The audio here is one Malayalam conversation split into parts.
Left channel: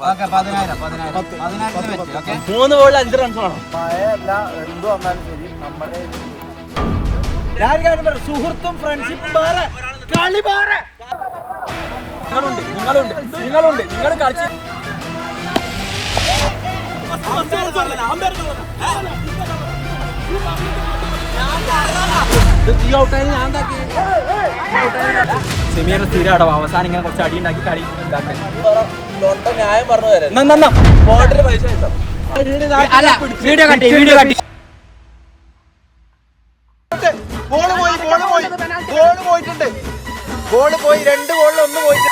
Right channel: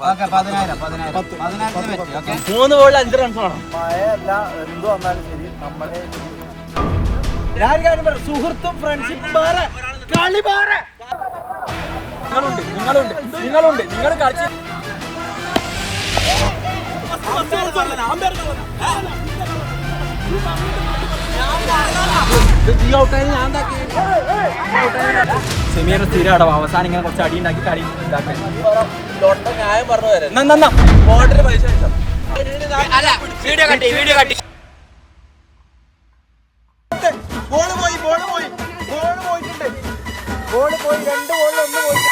3 ബോളിൽ 5 റൺസ് വേണം. മഴയല്ല എന്ത് വന്നാലും ശരി നമ്മുടെ സുഹൃത്തും ഫ്രണ്ട്ഷിപ്പും വേറെ കളി വേറെ. നിങ്ങളുണ്ട് നിങ്ങൾ കളിച്ച് സെമിയുടെ സ്ഥിരം അടവ് അവസാനം ഇങ്ങനെ കുറച്ച് അടി ഉണ്ടാക്കി കളി ന്യായം പറഞ്ഞു തരാം. വീഡിയോ കട്ടി ബോള് പോയിട്ടുണ്ട്. ബോള് പോയി 2 ബോളിൽ 1 പോയിട്ടുണ്ട്.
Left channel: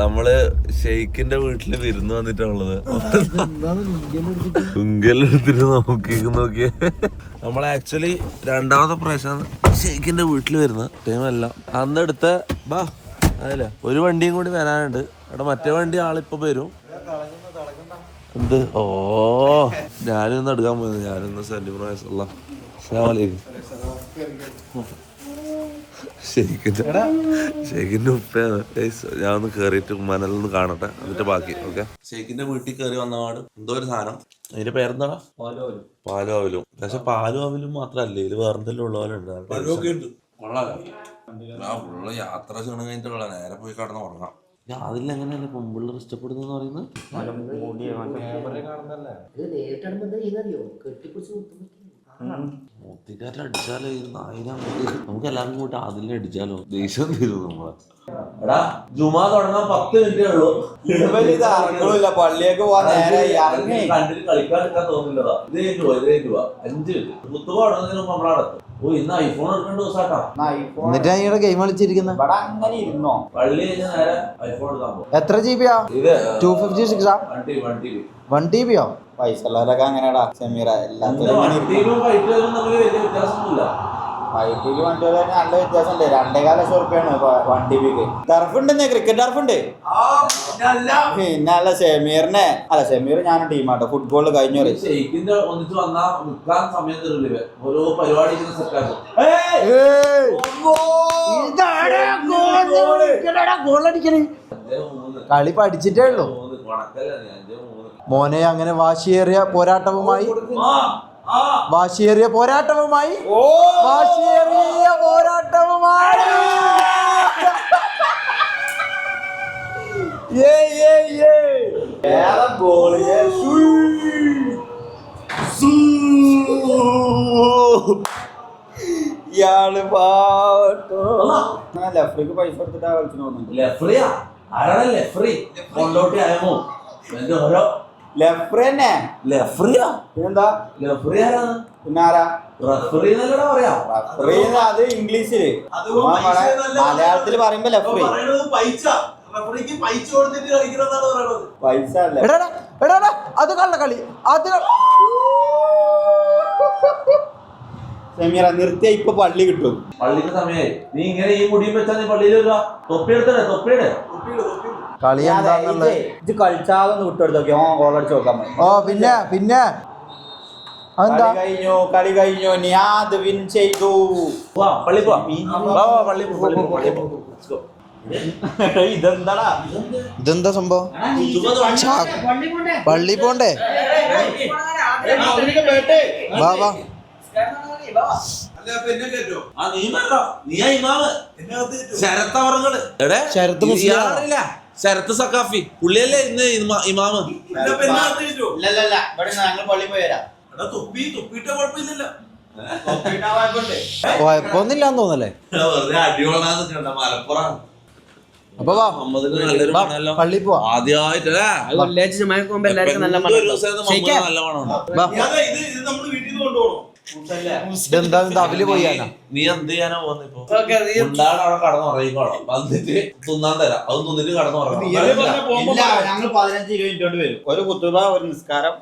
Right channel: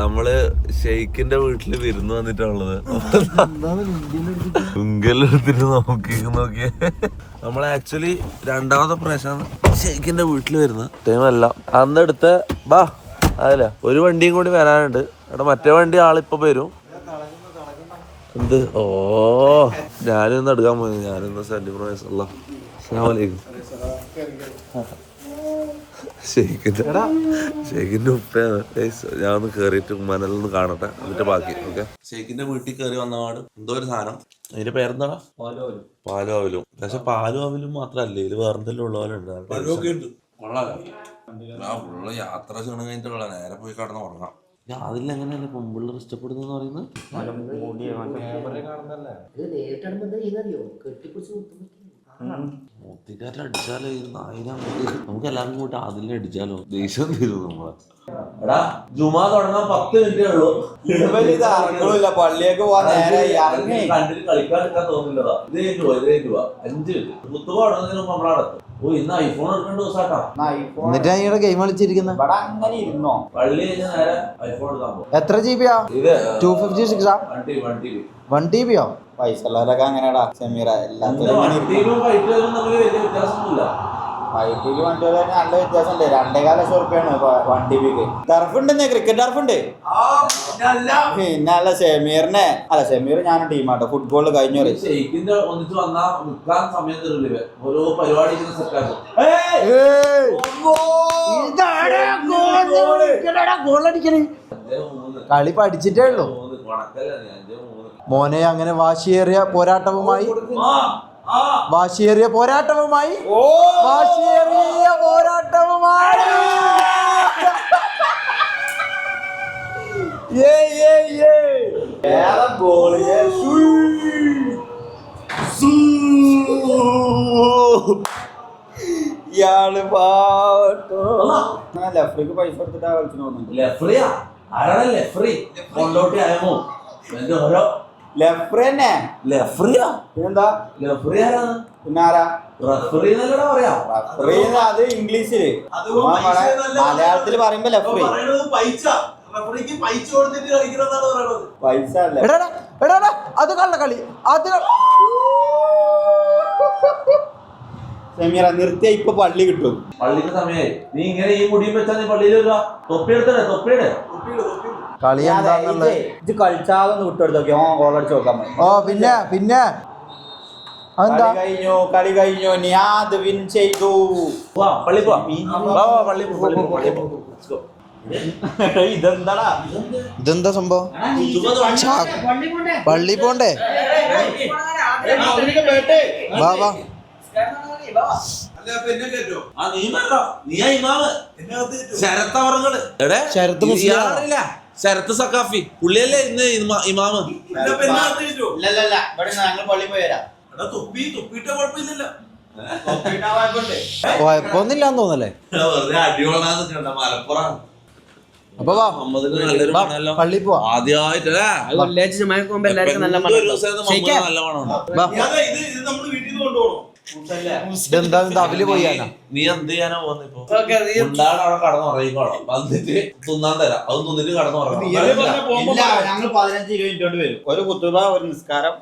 നമ്മള് ഷെയ്ഖിന്റെ വീട്ടില് വിരുന്ന് വന്നിട്ടുള്ളത്. ഉങ്കലെടുത്തിട്ട് നോക്കിയേ. നമ്മള് ആക്ച്വലി 2ാമത്തെ പ്രാവശ്യമാണ് ഷെയ്ഖിന്റെ വീട്ടില് വരുന്ന ടൈമല്ല. അന്നെടുത്ത അതല്ല ഒരു വണ്ടിയും കൂടി വരാനുണ്ട്. അവിടെ മറ്റേ വണ്ടി ആളിപ്പോ വരും. എന്ത് ഞാനൊന്ന് എടുക്കാൻ പോയത്. ഞാനൊന്ന് സെന്റിമീറ്റർ. അസ്സലാമലൈക്കും. ഷെയ്ഖിന്റെ ഉപ്പയാണ്. ഞാൻ ഒന്ന് കേറിയിട്ട് മനലൊന്ന് കാണട്ടെ, എന്നിട്ട് ബാക്കി. ഓക്കെ, ഷെയ്ഖിന്റെ വീട്ടിൽ കയറി വന്നപാട് എന്തോ ഒരു സാധനം. അതിന്റെ പേരെന്താ? പാലും അവലും. പക്ഷെ പാലും അവലും മാത്രല്ലേ, ഇത് വേറെന്തെല്ലാം ഉള്ള പോലെ ഉണ്ട്. ഫുള്ള് യാത്ര ചെയ്യണം കഴിഞ്ഞിട്ടുള്ള നേരെ പോയി കടന്ന് ഉറങ്ങാം. അതിലെങ്ങനെയല്ലേ പെൺപിള്ളേർ ഇഷ്ടപ്പെടുന്ന പറയുന്നത്? മൊത്തിക്കാരെ അടിച്ചാലോ നമുക്ക് എല്ലാവർക്കും കൂട്ടി അതിലെ അടിച്ചാലോ ദേഷ്യം തരും നമ്മളെ. എടാ ജുമാ തുടങ്ങാൻ 10 മിനിറ്റേ ഉള്ളൂ. പള്ളിയൊക്കെ കണ്ടിട്ട് കളിക്കാൻ എടുക്കാൻ തോന്നില്ലതാ. ഇത് 5 മിനിറ്റ് കുത്തുക തുടങ്ങുന്നതിന് മുമ്പ് നമ്മളടത്തും. ഇന്ന് ഐഫോൺ എടുക്കേണ്ട ദിവസാട്ടാ. എന്നിട്ട് ഗെയിം കളിച്ചിരിക്കുന്ന അങ്ങനെ ഇരുന്നോ? പള്ളി കഴിഞ്ഞാൽ നേരെ ഐഫോൺ എടുക്കാൻ പോകും. എത്ര GB? ഇത് 256 1 TB. പൈസ ഉള്ളവരൊക്കെ അങ്ങനെയാടാ സെമീറ. എല്ലാത്തിനും വൈദ്യുതി വണ്ടികൾ നല്ല വ്യത്യാസമുണ്ട്. 2.25 ലക്ഷം റുപ്യാണ് 1 TBക്ക്. ടർഫുണ്ടെന്നേ, ക്രിക്കറ്റ് ടർഫുണ്ട്. പിന്നെ അല്ല ഷെമീറിനെ അല്ല ഷെമീർ ഞാനും ടീമാട്ടോ. ഫുട്ബോള് കഴിഞ്ഞു കളി പഠിച്ചിട്ടേ ഉള്ളൂ മോനെ. അങ്ങനെ വാശിയേറിയ പോരാട്ടവുമായി ഇയാള് പാട്ടോ ലെഫ്രിക്ക് പൈസ കൊടുത്തിട്ടാ കളിച്ചു തോന്നുന്നു. അത് ഇംഗ്ലീഷില്, മലയാളത്തില് പറയുമ്പോ ലെഫ്രി. പൈസ അത് കള്ളക്കളി. അത് സെമീറ നിർത്തിയ ഇപ്പൊ പള്ളി കിട്ടും. പള്ളിക്ക് സമയമായി. നീ ഇങ്ങനെ ഈ മുടിയും വെച്ചാൽ നീ പള്ളിയിൽ തൊപ്പിയെടുത്തേ. കളി ഇത് കളിച്ചാതെ വിട്ടെടുത്ത് നോക്കി ഗോളടിച്ച് നോക്കാൻ മതി. പിന്നെ കളി കഴിഞ്ഞു. നിയാദ് വിൻ ചെയ്തു. ഇതെന്താ സംഭവം? പള്ളി പോണ്ടേ? വാ ശരത്ത് സക്കാഫി പുള്ളിയല്ലേ ഇന്ന് ഇമാമ്. കുഴപ്പമൊന്നുമില്ലാന്ന് തോന്നല്ലേ? അപ്പൊ പള്ളി പോവാ. ആദ്യമായിട്ടല്ലേ അവല് പോയാ നീ എന്ത് ചെയ്യാനാ പോകുന്നിപ്പോ? ഉണ്ടാണ് അവിടെ കടന്നുറങ്ങിക്കോളാം. വന്നിട്ട് തിന്നാൻ തരാം. അത് തിന്നിട്ട് കടന്നുറങ്ങാം. ഞങ്ങൾ 15-20 മിനിറ്റ് കൊണ്ട് വരും. ഒരു കുത്തുബ, ഒരു നിസ്കാരം.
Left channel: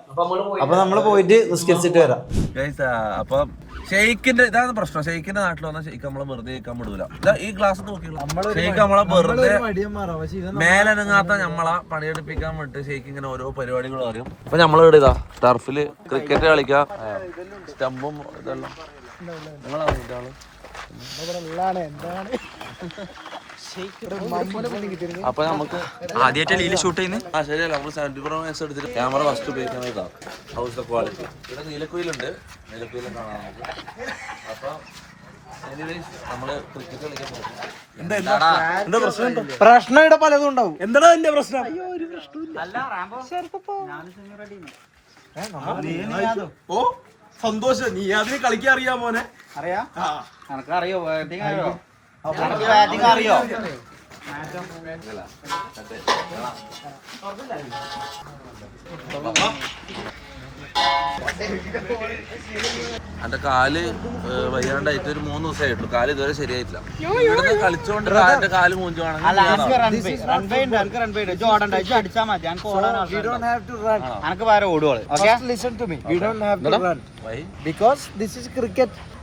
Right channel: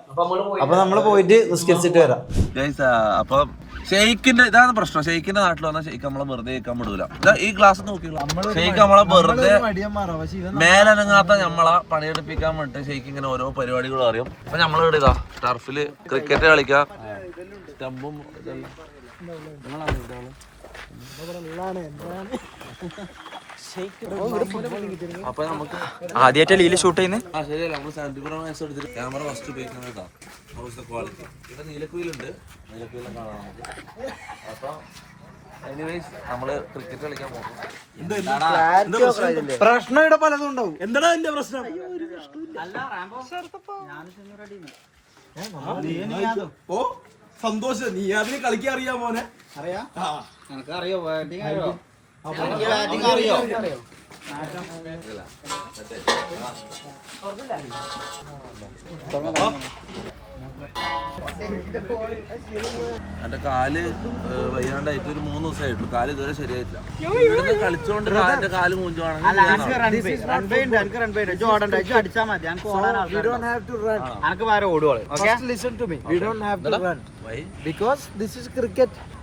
അപ്പൊ നമ്മള് പോയിട്ട് നിസ്കരിച്ചിട്ട് വരാം. അപ്പൊ ഷെയ്ക്കിന്റെ ഇതാണ് പ്രശ്നം. ഷെയ്ക്കിന്റെ നാട്ടിൽ വന്നാൽ ഷെയ്ക്ക് നമ്മളെ വെറുതെ കഴിക്കാൻ വിടൂല. ഈ ഗ്ലാസ് നോക്കിയുള്ള ഷെയ്ക്ക് നമ്മളെ വെറുതെ മേലനങ്ങാത്ത നമ്മളെ പണിയെടുപ്പിക്കാൻ വേണ്ടിട്ട് ഷെയ്ക്ക് ഇങ്ങനെ ഓരോ പരിപാടികളും അറിയാം. അപ്പൊ നമ്മളിവിടെ ഇതാ ടർഫില് ക്രിക്കറ്റ് കളിക്കാം, സ്റ്റമ്പും ഇതെല്ലാം അപ്പൊ നമുക്ക് ആദ്യമായിട്ട് ലീല് ഷൂട്ട് ചെയ്യുന്നത്. ശരിയല്ല, നമ്മൾ 74 വയസ്സ് എടുത്തിട്ട് ക്യാമറ ഫസ്റ്റ് ഉപയോഗിക്കുന്നത് ഇതാണ്. House of quality. ഇവിടെ നീലക്കുയിലുണ്ട്, നീലക്കുയിലും കാണാം നമുക്ക്. അപ്പൊ എനിവേസ് നമ്മള് ക്രിക്കറ്റ് കളിക്കാൻ പോകും. പ്രശ്നം ഇവിടെ പലതും ഉണ്ടാവും. എന്താ എന്റെ പ്രശ്നം? ഓ സന്തോഷം, നീ അതിന് കളിക്കാൻ അറിയാ മോനെ? അറിയാ, അറിയോ? എന്റെ കാല് വയ്യാണ്ടായിട്ട് ഒരു 3 ദിവസമായിട്ടുള്ളൂ. കാല് ഇതുവരെ ശരിയായിട്ടില്ല. ഇവിടുന്ന് കളിച്ചോണ്ട് കാലിന്റെ കാല് മൂഞ്ചുവാണെങ്കിൽ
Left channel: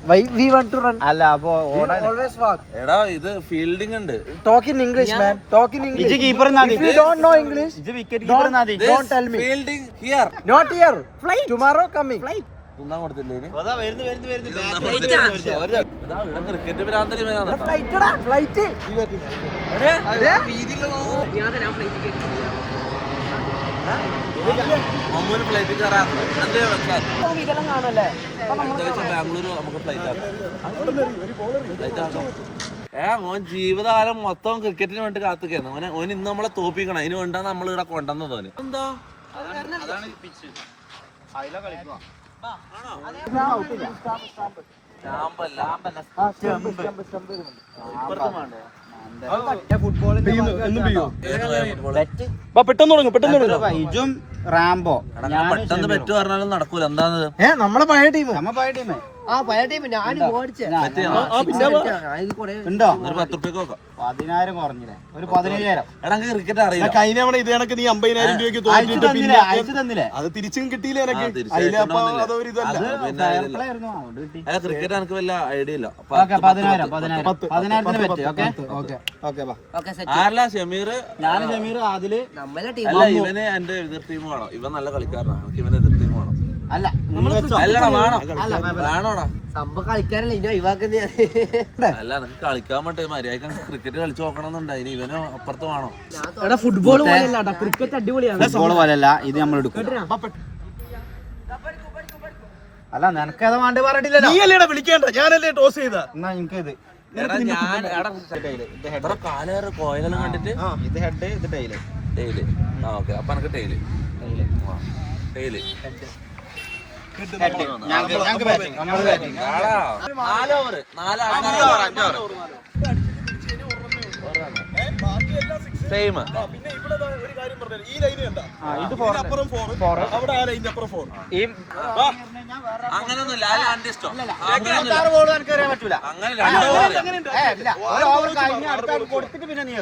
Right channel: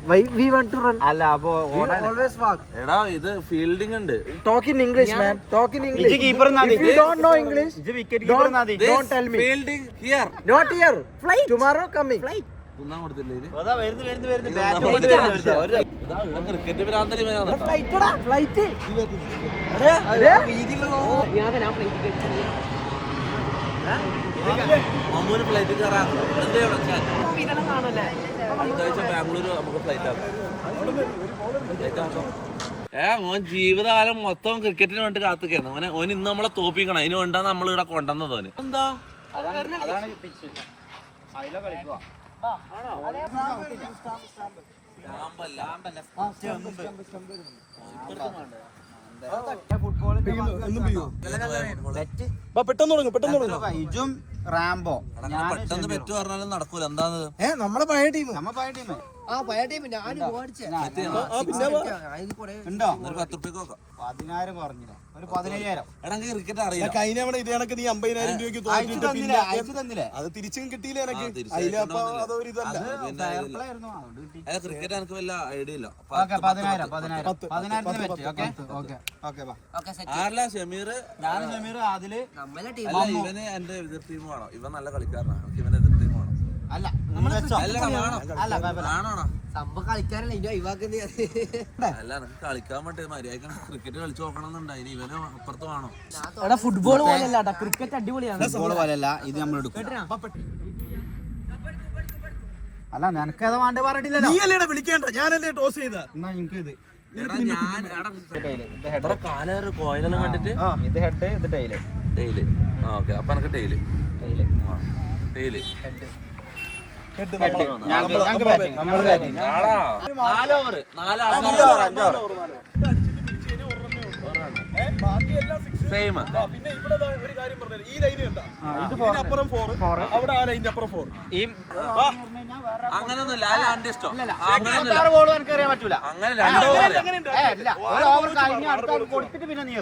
Why we want to run? Alla, always walk. എടാ ഇത് ഫീൽഡിംഗ് ഉണ്ട്. Talk in English, man. Talk in English. If you don't know English, don't tell me. Fielding here. Not here. Flight. Tomorrow coming. Flight. ഒന്നാം കൊടുത്തില്ലേ ക്രിക്കറ്റ് ഭ്രാന്തരി Flight. മമ്മൂന് ഫ്ലൈറ്റ് കയറാറുണ്ട്. അടുത്ത ആഴ്ച ബാംഗ്ലൂർ നമുക്ക് ഫ്ലൈറ്റ് ആക്കാം. മോൻ ജീവിതകാലം മൊത്തം ക്രിക്കറ്റിന് വേണ്ടി കാത്തുകയാണ്. ഓൻ ഇന്ന് നമ്മളെ തോപ്പിക്കണം. അതിന് വേണ്ടാണ് നമ്മൾ ഇവിടെ കൊണ്ടുവന്നത്. ഓന് എന്താ ഇജും റാംബോ പെട്ടെന്ന് പെറ്റ് പറഞ്ഞാലും നടക്കൂല. എന്താന്ന് നമ്മളെ പഴയ ടീം ഒരു 10 റുപ്യക്ക് നോക്കാം. 10,000 കുറഞ്ഞില്ലേ? ഒരു 15,000. എടാ ക്രിക്കറ്റ് അറിയില്ല. കഴിഞ്ഞ തവണ ഇത് കണക്ക് നീ 50,000 രൂപയ്ക്ക് അയച്ചു തന്നില്ലേ? അത് തിരിച്ചും കിട്ടിയില്ല എനിക്ക്. ക്രിക്കറ്റ് എനിക്ക് വല്ല ഐഡിയ ഇല്ല. 10,000 ആരല്ല ഷമീർ? ഞാനും ഷമീർ ആദില്. അല്ല ഇവന് എന്റെ എതിർ ടീം വേണം. ഇവൻ നല്ല കളിക്കാരനാണ്. നമുക്ക് ഇവന് എതിർ ടീം വേണം. അല്ല വേണോടാ സംഭവം കളിക്കാനല്ല ഇനി ഒഴിവാക്കുന്ന. അല്ല എനിക്ക് കളിക്കാൻ പറ്റേ മര്യാദ ക്രിക്കറ്റ് കളിച്ചു നോക്കണം എന്നുണ്ട്. ഇനി ഇവന് അപ്പുറത്ത് വേണോ? ഫുട്ബോൾ ക്രിക്കറ്റ് അടിപൊളിയാണ്. ഫുട്ബോൾ പോലെയല്ല ഇത്, നമ്മൾ എടുക്കും. അല്ല നിനക്ക് ഏതാ വേണ്ടേ പറഞ്ഞിട്ടില്ലല്ലോ. നീയല്ലേടാ വിളിക്കേണ്ട, ഞാനല്ലേ ടോസ് ചെയ്ത. എന്നാ എനിക്ക് ഇത് കാലേറെ കോയിലെല്ലാം കണ്ടിട്ട് ഇത് ഹെഡ്, ഇത് ടൈല്. ടൈല്. ആ ഓക്കെ. അപ്പൊ എനിക്ക് ടൈല് ടൈല് ഞങ്ങൾക്ക് ബാറ്റിംഗ്. 4 over 5 same. പിന്നെ ഇവിടെ ഒരു കാര്യം പറഞ്ഞു, ഈ ലൈന് കണ്ട ഇതിനപ്പുറം 4, അവിടെ ആ ലൈനിന്റെ അപ്പുറം 4. അങ്ങനൊന്നുമില്ല. ഇഷ്ടം എനിക്കറിയാൻ പറ്റൂല. അങ്ങനെ 2 ഓവർ ഒരു ഓവർ കഴിഞ്ഞ് അടുത്ത കൊടുത്തിട്ട് പിന്നെ നീ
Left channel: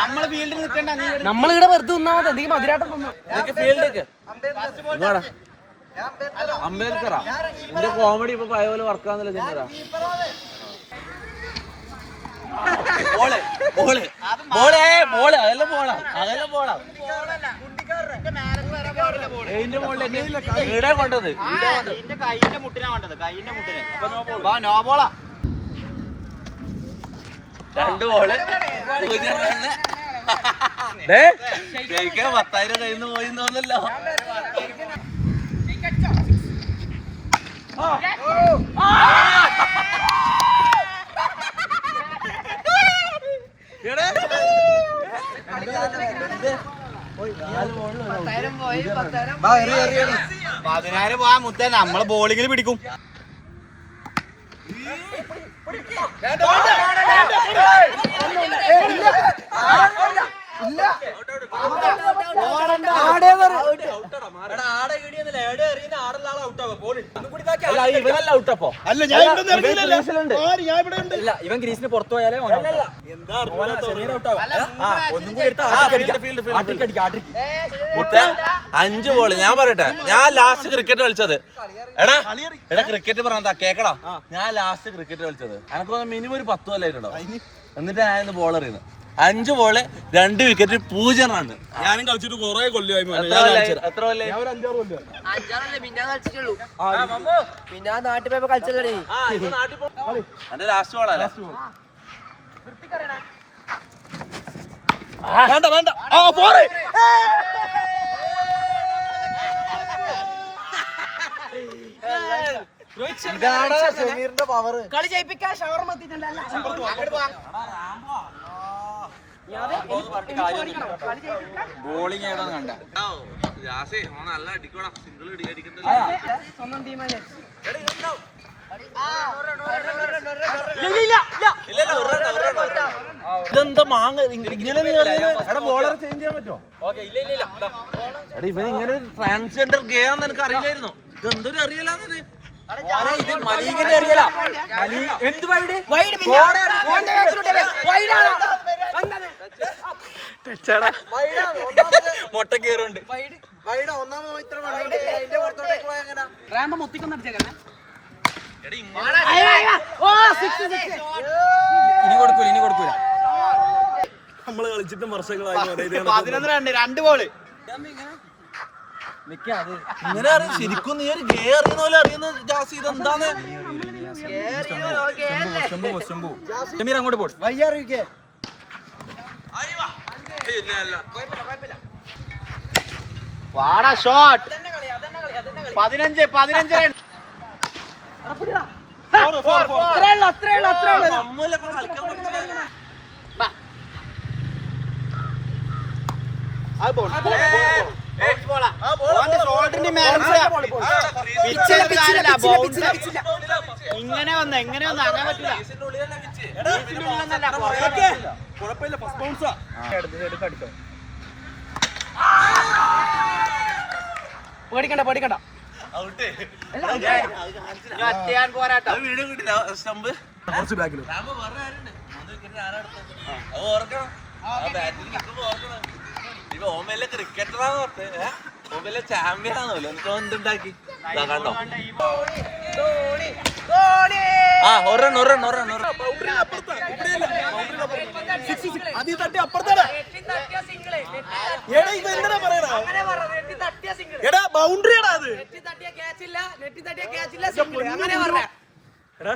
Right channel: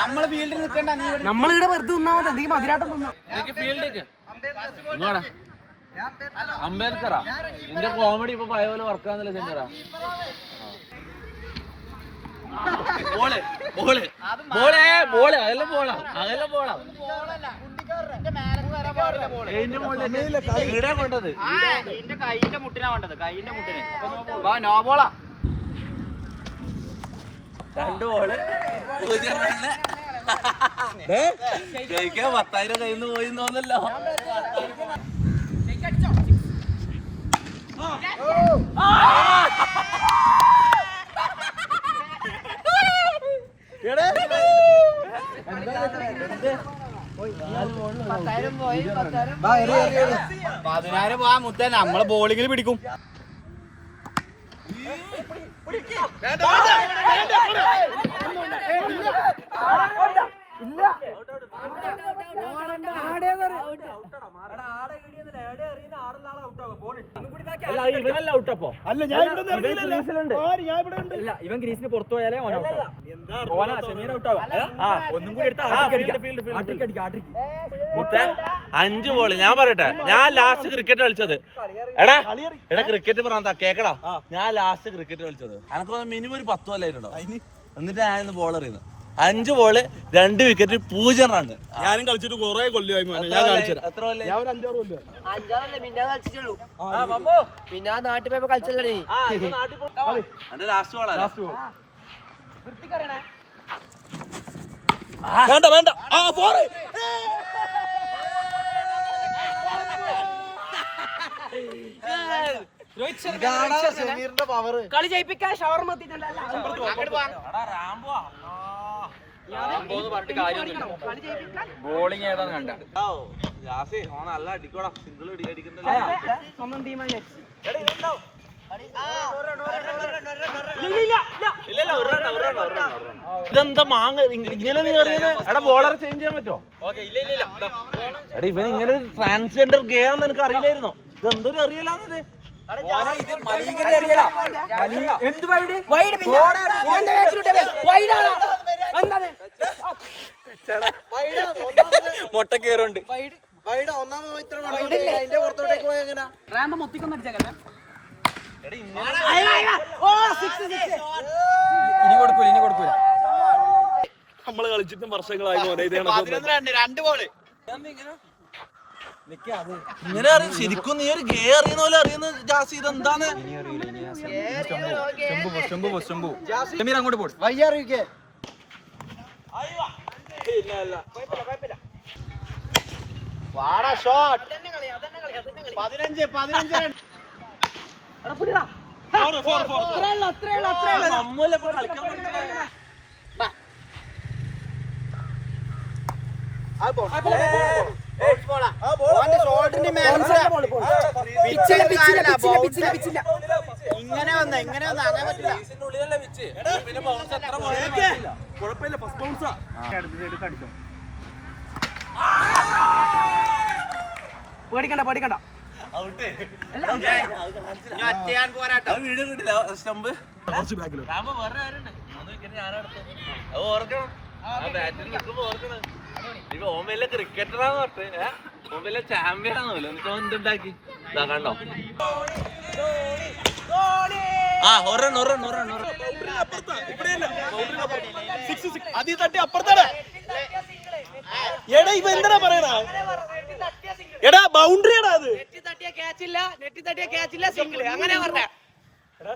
നമ്മള് ഫീൽഡിൽ നിൽക്കണ്ട. നീ നമ്മളിവിടെ വെറുതെ നിന്നാ മതി. നീ മതിരാട്ടം ഫീൽഡേക്ക് അംബേദ്കറാ. നിന്റെ കോമഡി ഇപ്പൊ പഴയ പോലെ വർക്കാന്നല്ലേ ചെന്നരാ. അതെല്ലാം പോളാ കൊണ്ടത്. കൈന്റെ മുട്ടിനാ വേണ്ടത്. കൈന്റെ മുട്ടിന് നോ ബോളാ. 2 ബോള് 10,000 കയ്യിൽ നിന്ന് പോയി തോന്നല്ലോ. പതിനായിരം പോവാ മുത്ത. നമ്മള് ബോളിങ്ങിൽ പിടിക്കും. ഇവനല്ല ഔട്ടപ്പോ. ഇവൻ ഗ്രീസിന് പുറത്തു പോയാലേ ഒന്നും കൂടി എടുത്താ 5 ബോള് ഞാൻ പറയട്ടെ, ഞാൻ ലാസ്റ്റ് ക്രിക്കറ്റ് കളിച്ചത് എടാ ക്രിക്കറ്റ് പറഞ്ഞാ കേക്കടാ, ഞാൻ ലാസ്റ്റ് ക്രിക്കറ്റ് കളിച്ചത് എനിക്ക് മിനിമം ഒരു 10 കൊല്ലായിട്ടുണ്ടോ. എന്നിട്ട് ഞാൻ ബോൾ എറിയുന്നത് 5 ബോള് 2 വിക്കറ്റ് 0 റണ്ണ്. ഞാനും കളിച്ചിട്ട് കുറെ കൊല്ലമായി ഞാൻ കളിച്ചത്. എത്ര കൊല്ലം? ഞാൻ ഒരു 5-6 കൊല്ലം. പിന്നെ നാട്ടിൽ പോയപ്പോ കളിച്ചല്ലേ എന്റെ ലാസ്റ്റ് ബോളാ. വേണ്ട വേണ്ട ആ പോരെ കളി ജയിപ്പിക്കാൻ ഷവർ ബോളിംഗ് ഏതാന്ന് കണ്ട നല്ല അടിക്കോടാ, സിംഗിൾ അടിക്കണ്ട. സ്വന്തം ടീമാണ്. ഇതെന്താ മാങ്ങ ഇങ്ങനെ നീ പറയുന്നത്? എടാ ബോളറെ ചേഞ്ച് ചെയ്യാൻ പറ്റുമോ? എടാ ഇവന് ഇങ്ങനെ ട്രാൻസ്ജെൻഡർ ഗേ ആണെന്ന് എനിക്ക് അറിയില്ലായിരുന്നു. ഇതെന്തൊരു അറിയലാന്നത്? മുട്ട കേറുണ്ട്. ഇനി കൊടുക്കൂല. നമ്മള് കളിച്ചിട്ടും വർഷങ്ങളായി പോലെ ഇത് 2 ബോള് ഇങ്ങനെ അറിയും ശരിക്കും. നീ ഒരു ഗേ അറിയുന്ന പോലെ അറിയുന്ന ജാസി, ഇതെന്താന്ന്? ഷമീർ അങ്ങോട്ട് പോയി. Shot 15 run. ഇങ്ങനെ വന്ന് അങ്ങനെ പറ്റില്ല. കുഴപ്പമില്ല. ഫസ്റ്റ് ബൗൺസാ. പേടിക്കണ്ട വീഡിയോ കിട്ടില്ല സ്റ്റംപ് കുറച്ച് ബാക്കിലും ഓമയിലെ ക്രിക്കറ്ററാന്ന് പറഞ്ഞേ, ഓമയിലെ ചാമ്പ്യൻ ആണല്ലോ. എന്തുണ്ടാക്കി കണ്ടോ? അതിൽ തട്ടി അപ്പുറത്താണ്. എടാ ഇവ എന്താ പറയണ? എടാ ബൗണ്ടറി എടാ അത്. നെറ്റി തട്ടിയ ക്യാച്ചില്ല സിംഗിൾ അങ്ങനെ പറഞ്ഞ.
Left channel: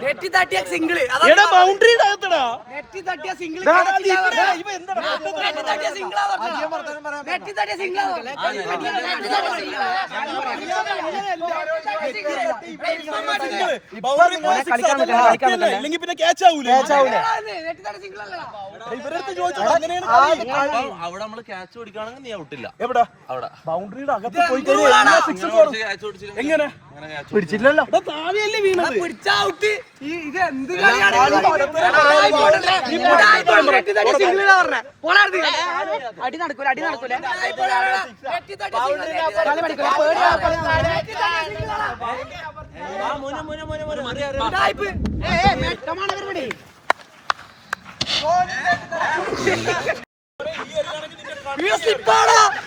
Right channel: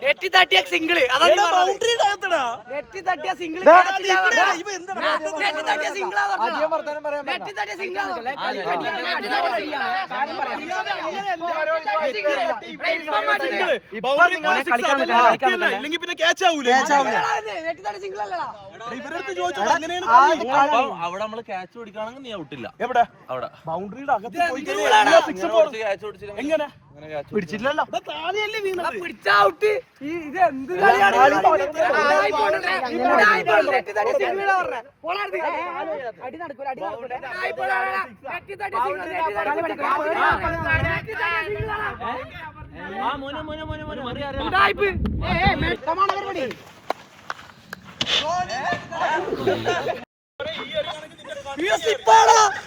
നെറ്റി തട്ടിയ സിംഗിൾ അതാണ് ബൗണ്ടറി ഇടാത്തടാ. നെറ്റി തട്ടിയ സിംഗിൾ ഇവ എന്താ നെറ്റി തട്ടിയ സിംഗിൾ നെറ്റി തട്ടിയ സിംഗിൾ ബൗണ്ടറി പോയി 6 അതല്ല അല്ല ഇല്ലെങ്കിൽ പിന്നെ ക്യാച്ച് ആവൂലേ? നെറ്റി തട്ടിയ സിംഗിൾ അല്ലടാ. ഇവരടുത്ത് ചോദിച്ചു അങ്ങനെയാണ് അവിടെ നമ്മള് ക്യാച്ച് പിടിക്കുകയാണെങ്കിൽ നീ ഔട്ടില്ല. എവിടെ അവിടെ ബൗണ്ടറിയുടെ അകത്ത് പോയി കഴിഞ്ഞാൽ എല്ലാ 6 പോണം. ക്യാച്ച് പിടിച്ചില്ല. എങ്ങനെ പിടിച്ചില്ലല്ലോ? താഴെയല്ലേ വീണത്. പിടിച്ച ഔട്ട്. ഇത് എന്ത് കളിയാണ്? അടി നടക്കൂല നെറ്റി തട്ടിയ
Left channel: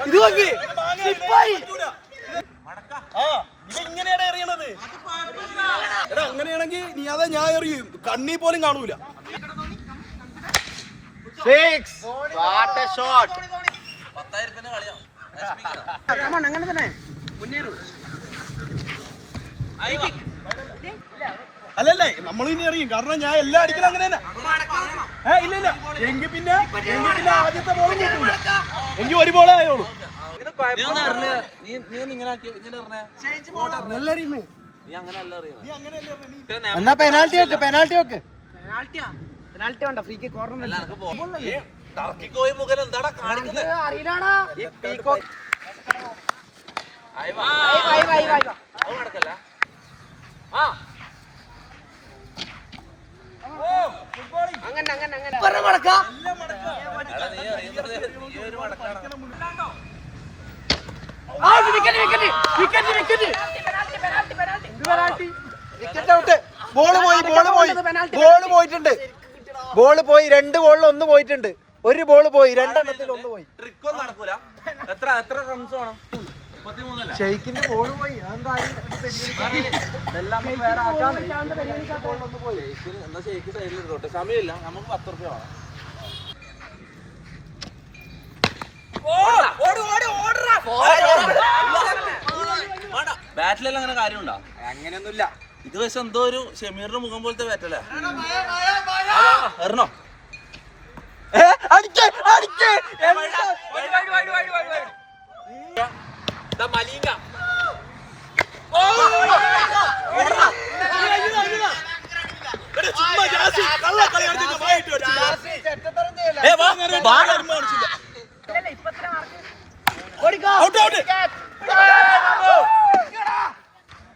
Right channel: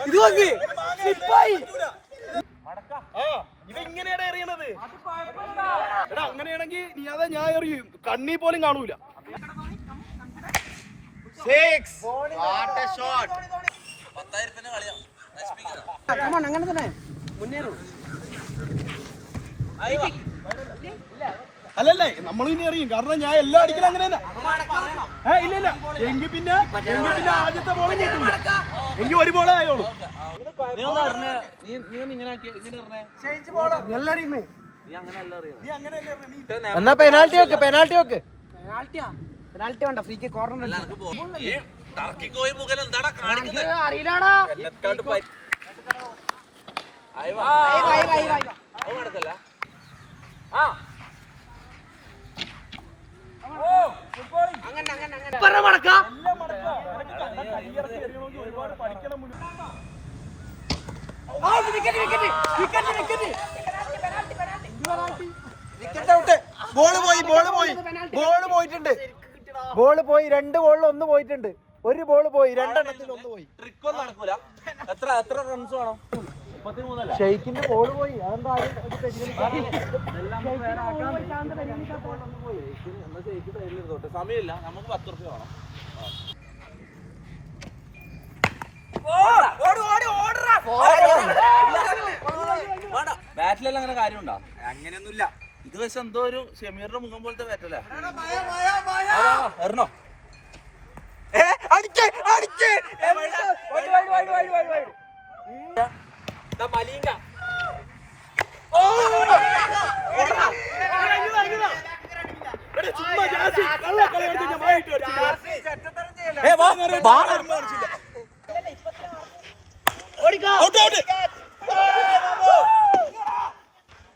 ഇത് നോക്കി സ്ലിപ്പായി. ഇങ്ങനെയാണ് എറിയണത്. എടാ അങ്ങനെയാണെങ്കിൽ നീ അതാ ഞാൻ എറിയും. കണ്ണി പോലും കാണൂല. 6 വാട്ട് എ ഷോട്ട്. 10,000 കളിയാ. അങ്ങനെ തന്നെ മുന്നേറും. അല്ലല്ലേ നമ്മൾ ഇനി എറിയും. കാരണം ഞാൻ എല്ലാം അടിക്കണം അങ്ങനെ തന്നെ. ഇല്ല എങ്കിൽ പിന്നെ ആദ്യത്തെ ബോളും കിട്ടൂല. എങ്കിൽ ഒരു ബോളേ ആയോളൂ. നീ ഒന്ന് അറിഞ്ഞ നീ ഇങ്ങനെ നല്ല ടീം. നീ അങ്ങനെ അല്ല അറിയണം. എന്നാ പെനാൽറ്റി വെക്ക്. പെനാൽറ്റി വേണ്ട. ഫ്രീ കിക്ക് കോർണർ ടർക്കിക്കോയി മുഖം എന്താടാ കാണിക്കുന്നത്? അറിയില്ലാടാ. ബോള് പോയിട്ടുണ്ട്. 2 ബോളിൽ 1 പോയിട്ടുണ്ട്. ഒരു ബോൾ പോയി, രണ്ടെണ്ണത്തിൽ ഒന്ന് പോയി. ട്രിക്ക് ഒന്നും നടക്കൂല. എത്ര റൺസ് വേണം? 33 ഷെയ്ക്കിന്റെ ബോൾ പോയി. അതെന്താ എന്നാ ഷെയ്ക്ക് സൈഡിൽ ഇരുന്നോട്ടെ. സമയമില്ല, നമുക്ക് 10 റുപ്യ വേണം. ബാറ്റിലെല്ലാം അങ്ങനെ കാര്യമുണ്ടോ? അങ്ങനെയൊന്നുമില്ല. ഇത് പക്ഷെ എന്തോ ഒരു ഷമീറിന്റെ മുഖം പോലത്തെ ബാറ്റല്ലേ? എറണോ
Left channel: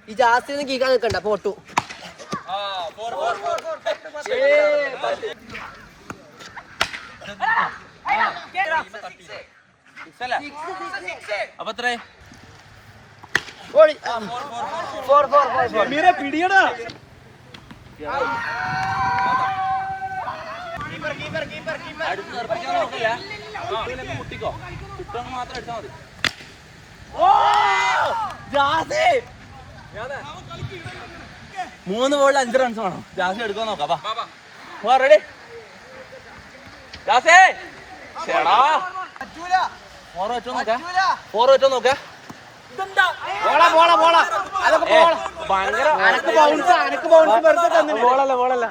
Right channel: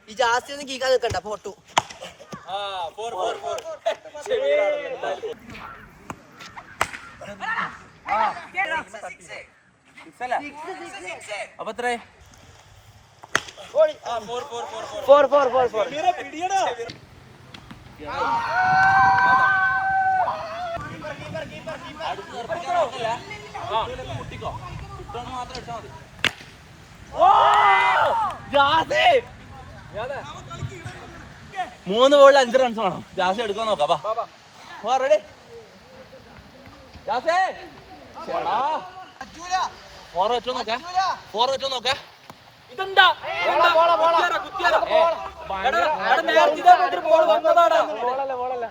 ഈ ജാസ്തി കീക്കാൻ നിൽക്കണ്ട, പോട്ടു. അപ്പൊ എത്രേ? പിടിയടാ. മൂന്ന് ബോളിൽ 5 റൺസ് വേണം. ജാസി എടുക്കാൻ നോക്കാം. റെഡി? ജാസേ 4 വെച്ചോ നോക്കാം. 4 വെച്ചോ നോക്കാം. ഇതെന്താ? ബോളല്ല.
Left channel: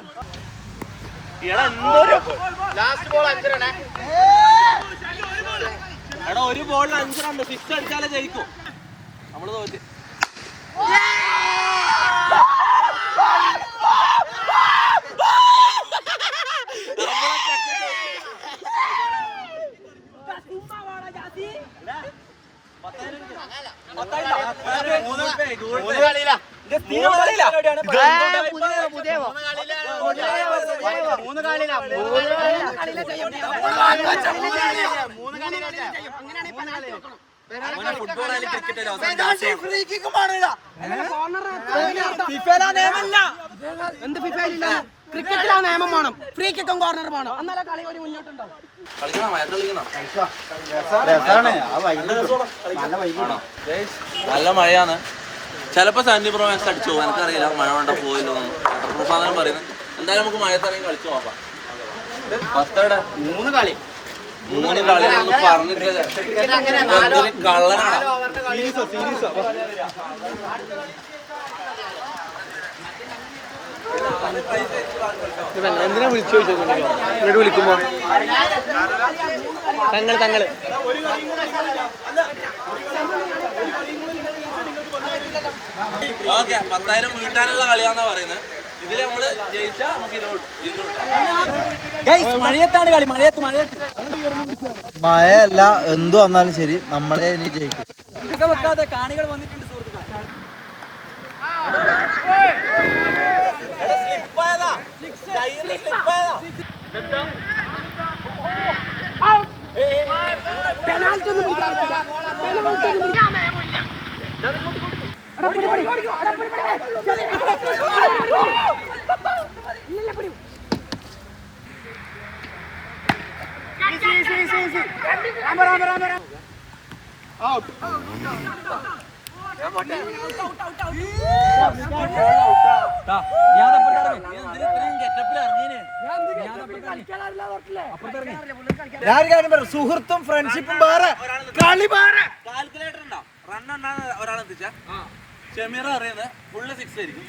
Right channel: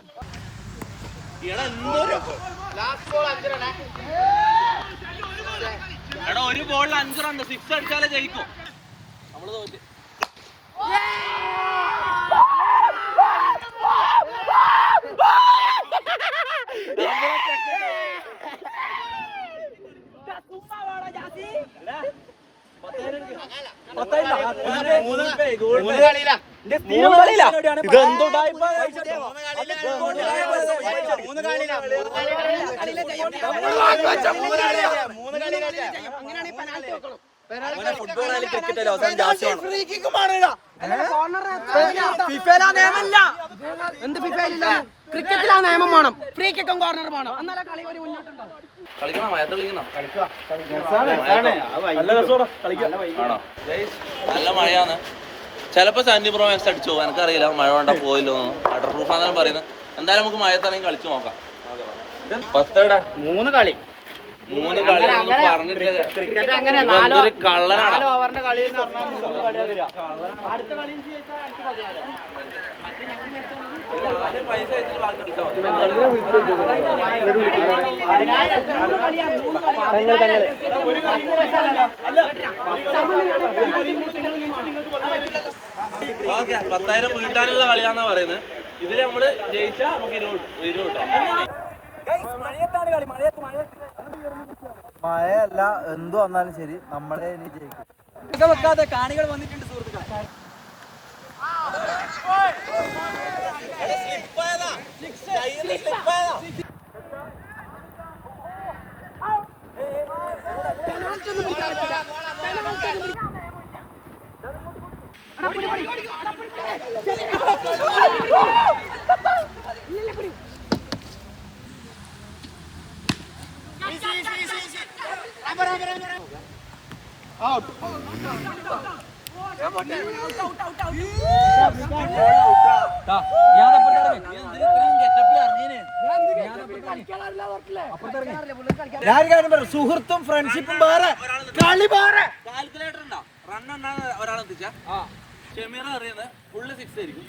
എടാ ഒരു ബോളിൽ 5 റൺ. 6 അടിച്ചാലേ ജയിക്കും. നമ്മള് തോറ്റ്. ഫുട്ബോൾ ആയാലും ക്രിക്കറ്റ് ആയാലും ക്രിക്കറ്റിലാണ് നിയമം വേണം, ഫ്രീ കിക്കും കോർണർ വേണം, എന്നാലേ കളി ഒരു മുന്നോട്ടുണ്ടാവും. കളിക്കണം, നല്ല മഴയാണ്. ചിലപ്പോ സാൻഡി പ്രോ മാക്സ് അടിച്ചു പോകും. എനിക്കറിയില്ല മഴ കൊണ്ട പോയില്ലോ. വാട്ടർ പ്രൂഫാണെന്ന് പറയുന്നത്. എന്തായാലും നമുക്ക് മഴത്താണെങ്കിൽ കളിച്ചു നോക്കാം. 3 കളി പറഞ്ഞിട്ട് കള്ളനാടാ. എന്തിനാ വിളിച്ചു ചോദിച്ചോ വിളിക്കുമ്പോ തങ്ങള് ഓക്കെ, 10,000 വീട്ടാനുള്ള കളിയാന്നാ പറയുന്നത്. ഇതില് നമ്മള് ജയിച്ചാൽ നമുക്ക് 20 മഴയത്താണ് കളി. മഴയല്ല എന്തു വന്നാലും ശരി, നമ്മളെ ഇനി ജയിക്കും. വെക്കാതെ കാണികൾ വന്നിട്ടുണ്ട് സുഹൃത്തുക്കളെ. പെനാൽറ്റി ഒന്നും പിടിക്കാറില്ല. സുഹൃത്തും ഫ്രണ്ട്ഷിപ്പും വേറെ, കളി വേറെ. കാൽക്കുലേറ്റർ ഉണ്ടോ? റൺ ഉണ്ടാകുന്ന ഒരാളെത്തിച്ച ഷമീർ അറിയുന്നത് ഫുള്ള് 6 ആയിരിക്കും.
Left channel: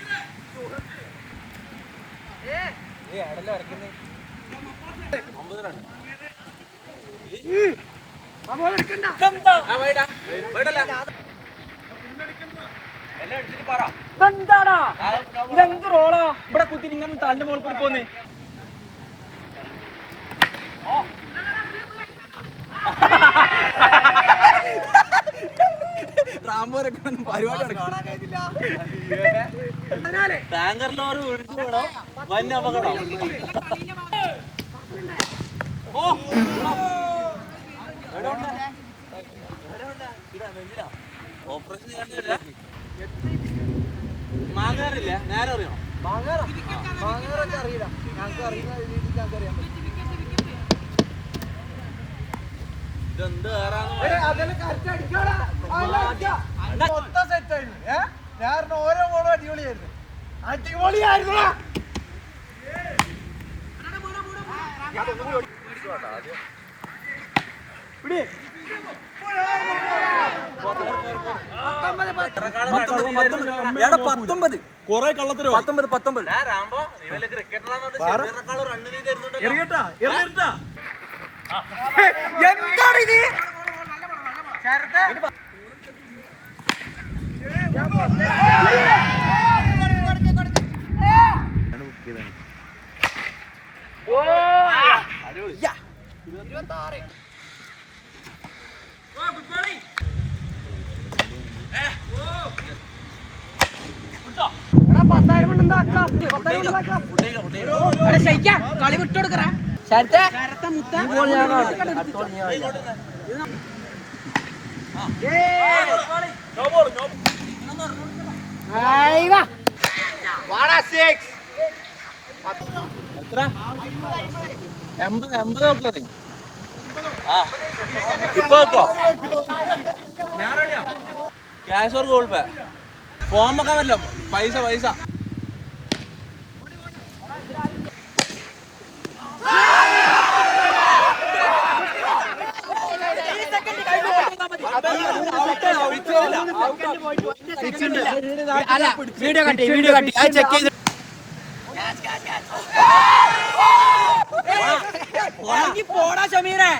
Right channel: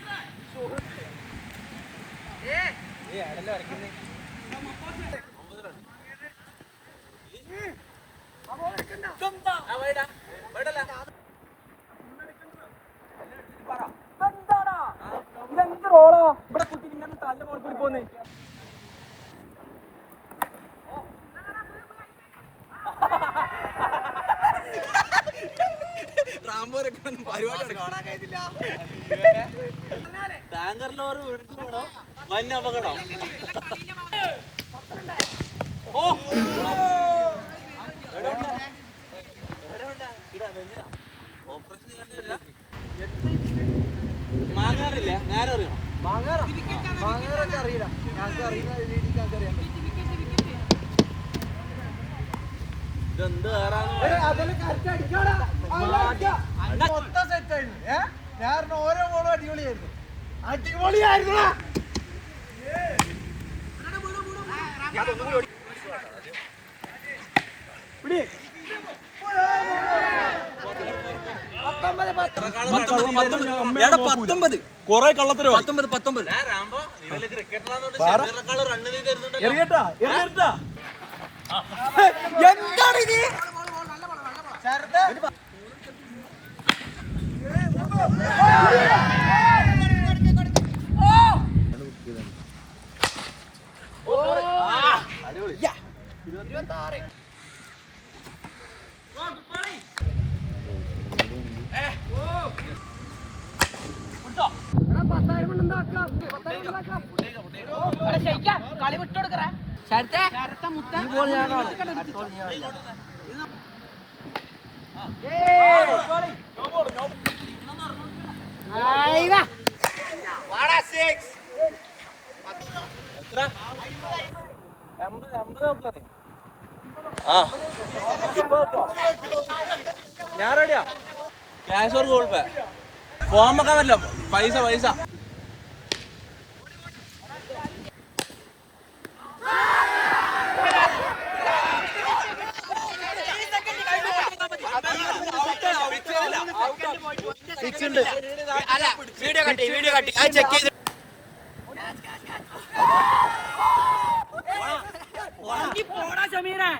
ഇതെന്ത് റോളാ ഇവിടെ കുത്തി ഇങ്ങനെ തന്റെ മോൾ കൂടി പോന്നേ. ടാങ്കർ ലോറി ഒഴിച്ചു വേണോ വൻ അപകടം. ഓപ്പറേഷൻ ചെയ്യാണ്ടില്ല. മാങ്ങാറില്ല, നേരെ അറിയണം. മാങ്ങാറൊക്കെ അറിയില്ല, ഞങ്ങൾക്ക് അറിയുന്ന രീതിക്ക് ഞങ്ങൾക്ക് അറിയാൻ പറ്റും. മൊത്തം സെറ്റായിരുന്നു. ഞാൻ ഓരോ ബോളും അടിപൊളിയായിരുന്നു. അടിപൊളിയായിരുന്നു. കൊറേ കള്ളത്തരോ എന്താണ് ഇത്? കളി വിട്ടുകൊടുക്കറ ക്യാഷ് ഓർ ഗൂഗിൾ പേ ഫോം ഒക്കെ വല്ലോ പൈസ വീഡിയോ കട്ടി ചെക്ക് ചെയ്ത് പോടാ ഷമീറെ.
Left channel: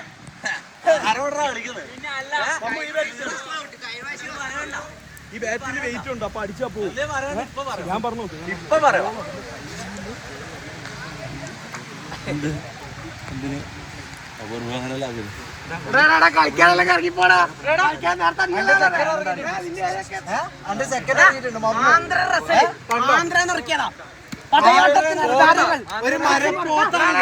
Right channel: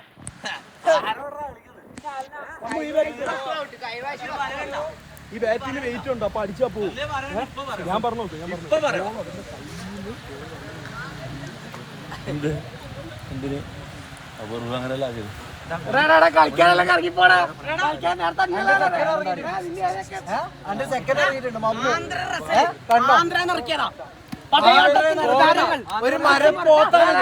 ഈ ബാറ്റിന് വെയിറ്റ് ഉണ്ട്. അപ്പൊ അടിച്ചാ പോകും. ഞാൻ പറഞ്ഞു എന്തിന് അപൂർവം അങ്ങനെയല്ല ആക്കിയത്. കളിക്കാനെല്ലാം ഇറങ്ങി പോടാ. ഒരു മരം പോത്താണ്.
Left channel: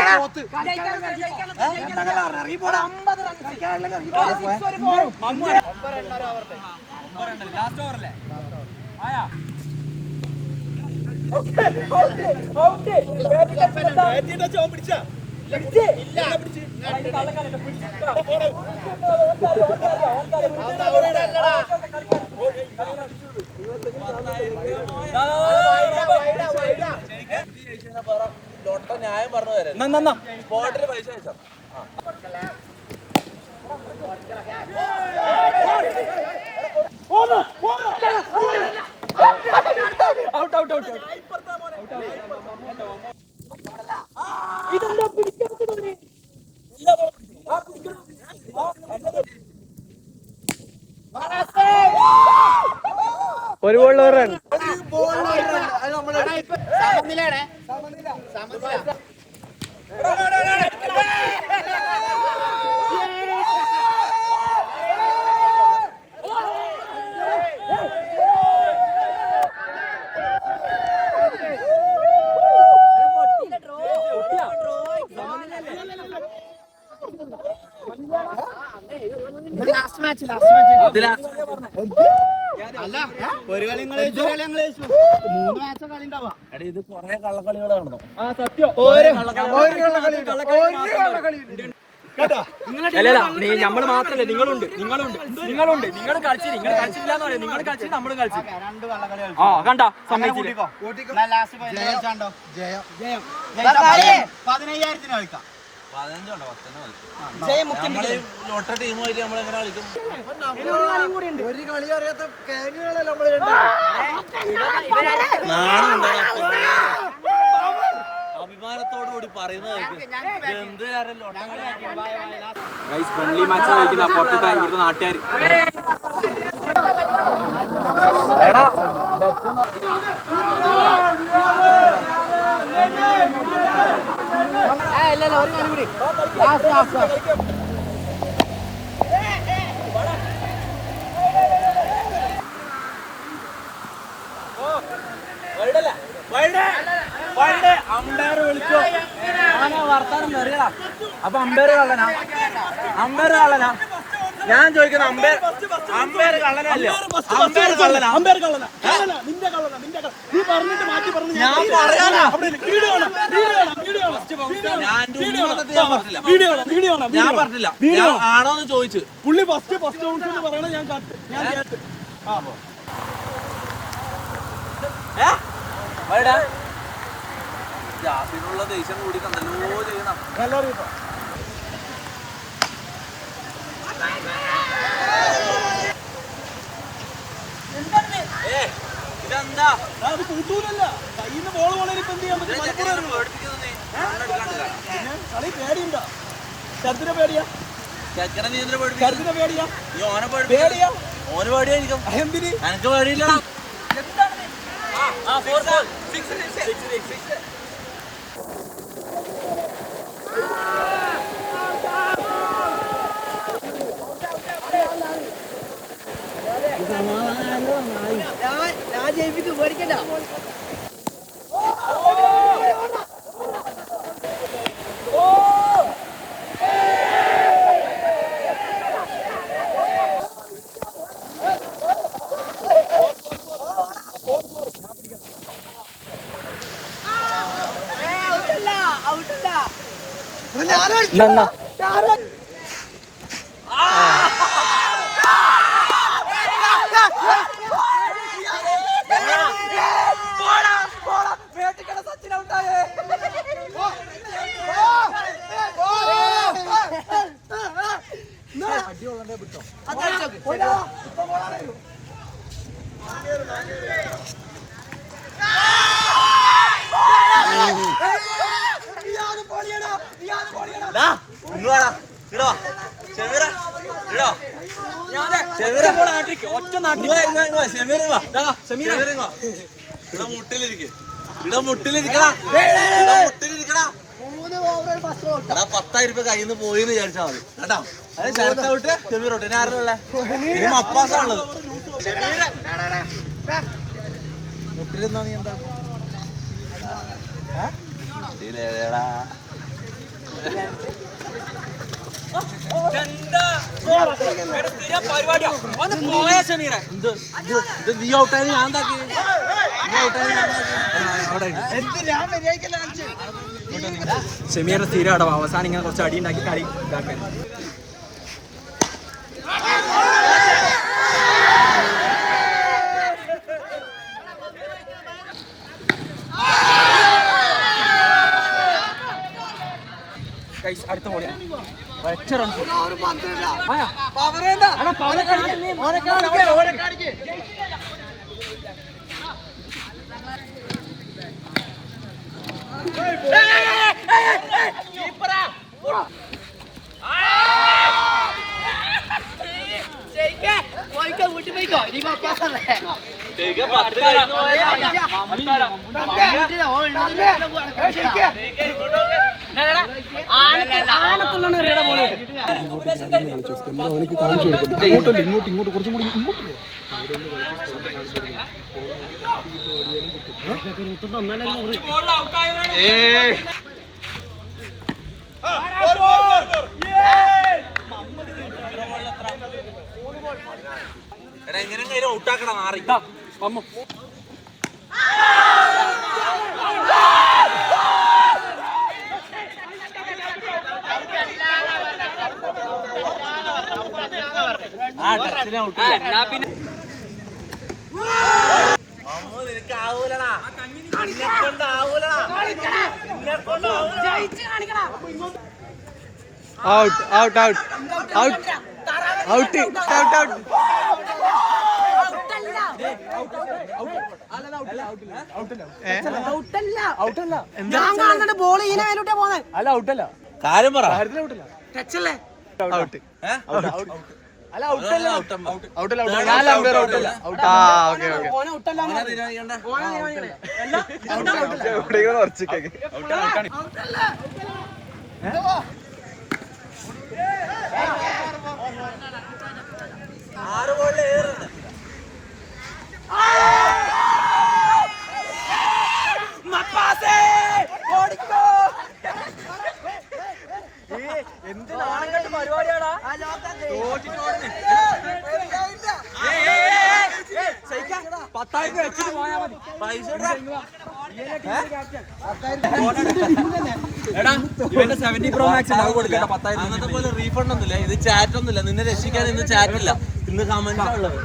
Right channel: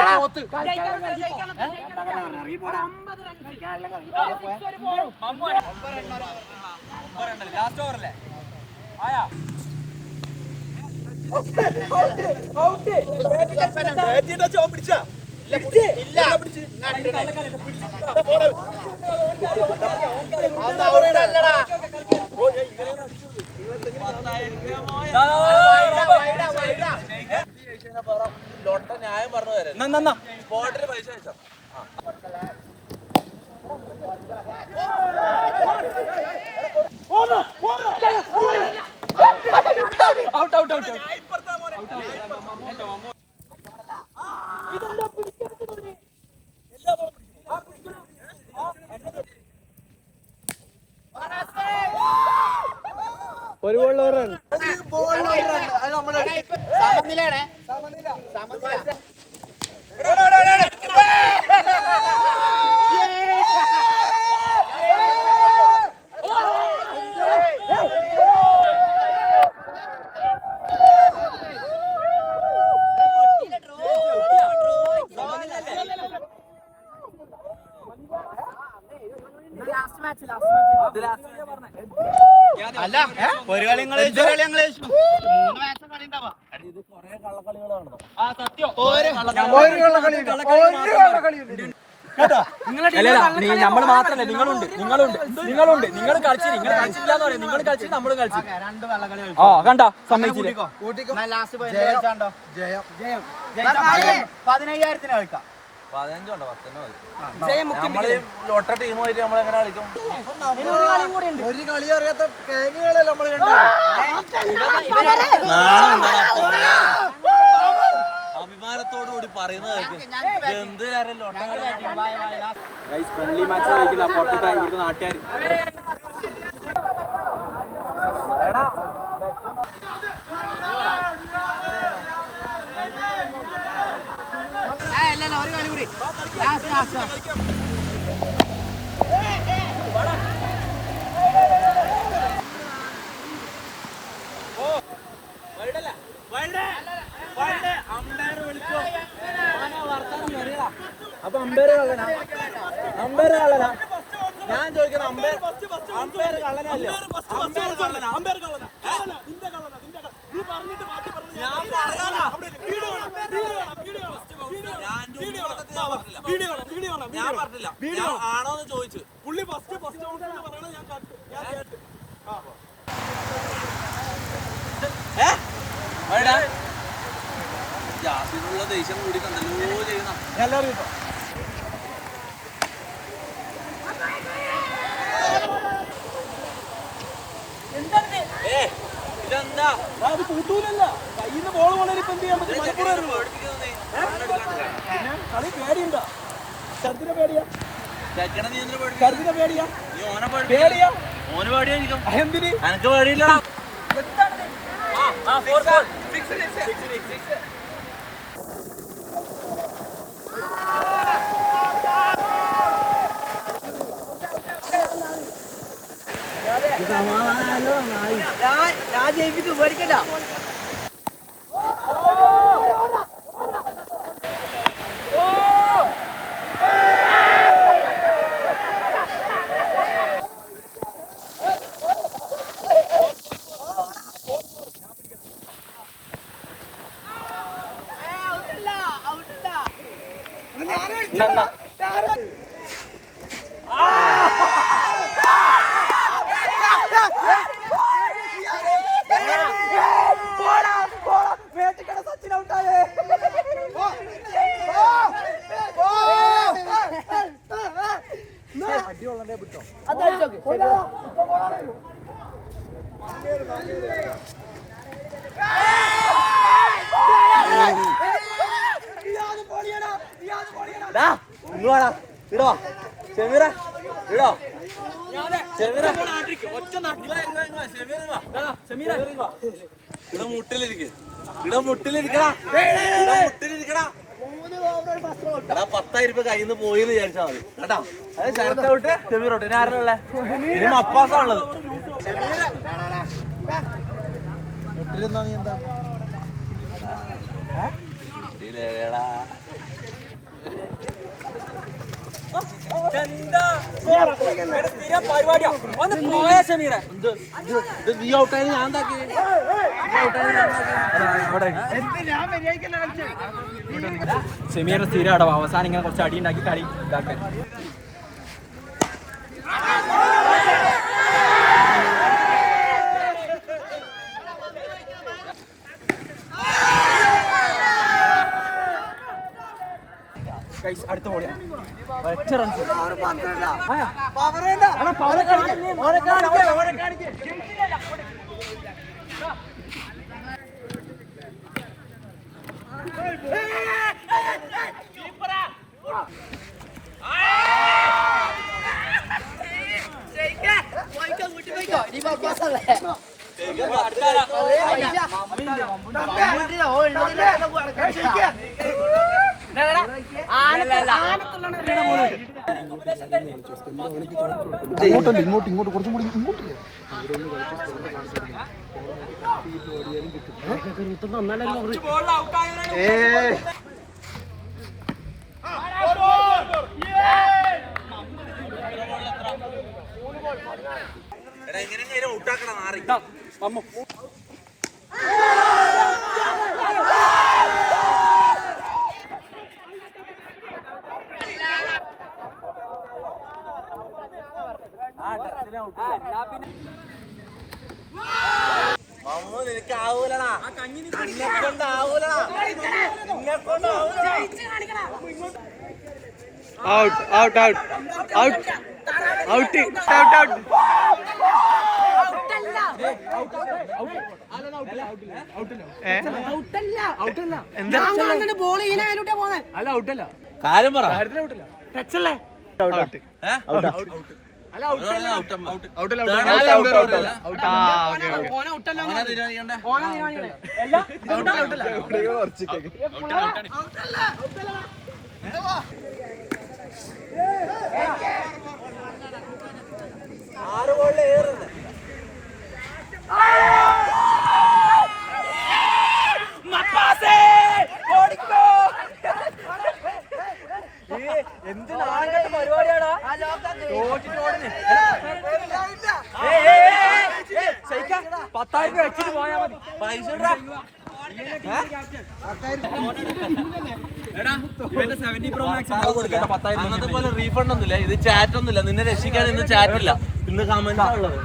ലാസ്റ്റ് ഓവറല്ലേ ആയാ പിടിച്ചാ ലൊട്ട ന്യായം പറഞ്ഞു തരാം. സ്പോട്ടില് പൈസ അയച്ചോ. ഒരു ബോളിൽ ഒരു റൺ. അല്ല ഒരു കളി മൂന്ന് മാച്ച് കളി ഉണ്ടാവാ. ഇത് കൊറേ കള്ളക്കളികളാണോ? ആ സത്യം. നമ്മള് മാത്രല്ല നിങ്ങളുണ്ട് നിങ്ങൾ കളിച്ചില്ല നിങ്ങൾ കളിച്ച് നമ്മളും കളിച്ചു. രണ്ട് കള്ളക്കളി ആ കണ്ടോ സമ്മതിച്ചില്ല. ലാസ്റ്റ് ജയം 15,000 കളിക്കാം. 15 ഉണ്ടോ 10 മതി. നമ്മള് ലോട്ട ടീമായിട്ട് നമ്മളെങ്ങനെ കളിക്കും? ഒരു കളി അറിയാത്ത കേങ്ങുകളല്ലേ നമ്മള് അഭിമാനത്തോടു കൂടി പറയുന്നത് എന്തിനാരും ലോട്ട ഫ്രണ്ട്ലി മാച്ച് കളിക്കുന്ന പുറത്തെ ഇവിടുത്തെ നാട്ടുകാർ. ഇല്ല ഒരു കളി കൂടി ലാസ്റ്റ് അമ്പയർ വിളിച്ചോ വർത്താനം അറിയടാ. അപ്പൊ അമ്പയർ കള്ളനാ ഞാൻ ചോദിക്കുന്നത് അമ്പയർ കള്ളനല്ലേ? നീ പറഞ്ഞിട്ട് മാറ്റി പറഞ്ഞു. ഞാൻ പറയാനാ. ഞാൻ പറഞ്ഞില്ല, ആണോന്ന് ചോദിച്ചു. പുള്ളി ഫസ്റ്റ് ബൗൺസ് എന്ന് പറയണ ഞാൻ കേട്ട്. ജാസിനുള്ള ദേഷ്യം കൂടി തന്നല്ലോ ചെയ്യണം. ഇതെന്താ അത് കൂട്ടൂലല്ല, കയ്യിൽ നിന്ന് ബോൾ പോണേൽ ഇപ്പൊ എന്ത് ചെയ്യാൻ പറ്റും? പിന്നെ കളി പേടിയുണ്ടോ? ശരത്തിനെ പേടിയാ? ശരത്തിനെ പേടിയാ? പേടിയാ? ഓന് പേടിയായിരിക്കും. എന്തിന്? എനക്ക് പേടിയില്ലടാ. ഞാൻ ജയിപ്പിക്കും, പേടിക്കണ്ട. മുട്ടിലിരിക്കടാ. 10,000 രൂപ കയ്യിൽ നിന്ന് പോയി വിചാരിച്ചാൽ മതി കേട്ടോ. അത് ശരത്തോട്ട് ചെമീറോട്ട് ഇനി ആരുള്ളേ? ഇനി മപ്പാസാണുള്ളത്. മുട്ടിലിരുന്നാ നീ എന്താ നീ ഔട്ടായി ഞാൻ എന്താക്കി? ഷമീറിന്റെ സ്ഥിരം അടവ് അവസാനം ഇങ്ങനെ കുറച്ച് അടി ഉണ്ടാക്കി കളി ഇതാക്കാൻ. അടുത്ത ബോളിയാ ഒറ്റ റൺസ്. ഇങ്ങോട്ട് കുറച്ചും കൂടി ഇങ്ങോട്ട് എങ്ങനെയെങ്കിലും ഔട്ടാക്കണം. മാറി അമ്മ നിനക്ക് ആവൂലടാ, നിന്നെ കൊണ്ടാവൂലടാ, നിന്നെ കൊണ്ടാവൂലടാ. Out out out out out out out ball ഇതിനായിട്ടാ പോന്നെ. അല്ല ഔട്ടല്ല, കാര്യം പറ. ടച്ചല്ലേ? ഔട്ട് പൈസ അന്നത്തെ പോലെ റീഫണ്ട് ഒന്നുമില്ല, ഇത് ചാറ്റ് ഒന്നുമില്ല, നിന്നെ രക്ഷിക്കാൻ ഇന്ന് ചാറ്റ് ഇല്ല, ഇന്ന് കമന്റ് ഉള്ളത്.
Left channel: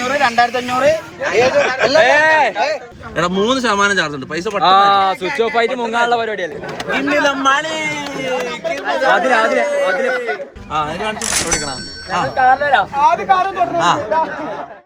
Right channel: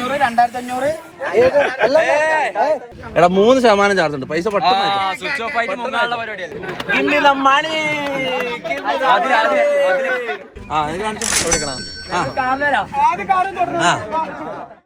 2500 എടാ 3% ചാർജ് ഉണ്ട്, പൈസ സ്വിച്ച് ഓഫ് ആയിട്ട് മുങ്ങാനുള്ള പരിപാടിയല്ലേ. കാണിച്ചു കൊടുക്കണം. ആദ്യം കാരണം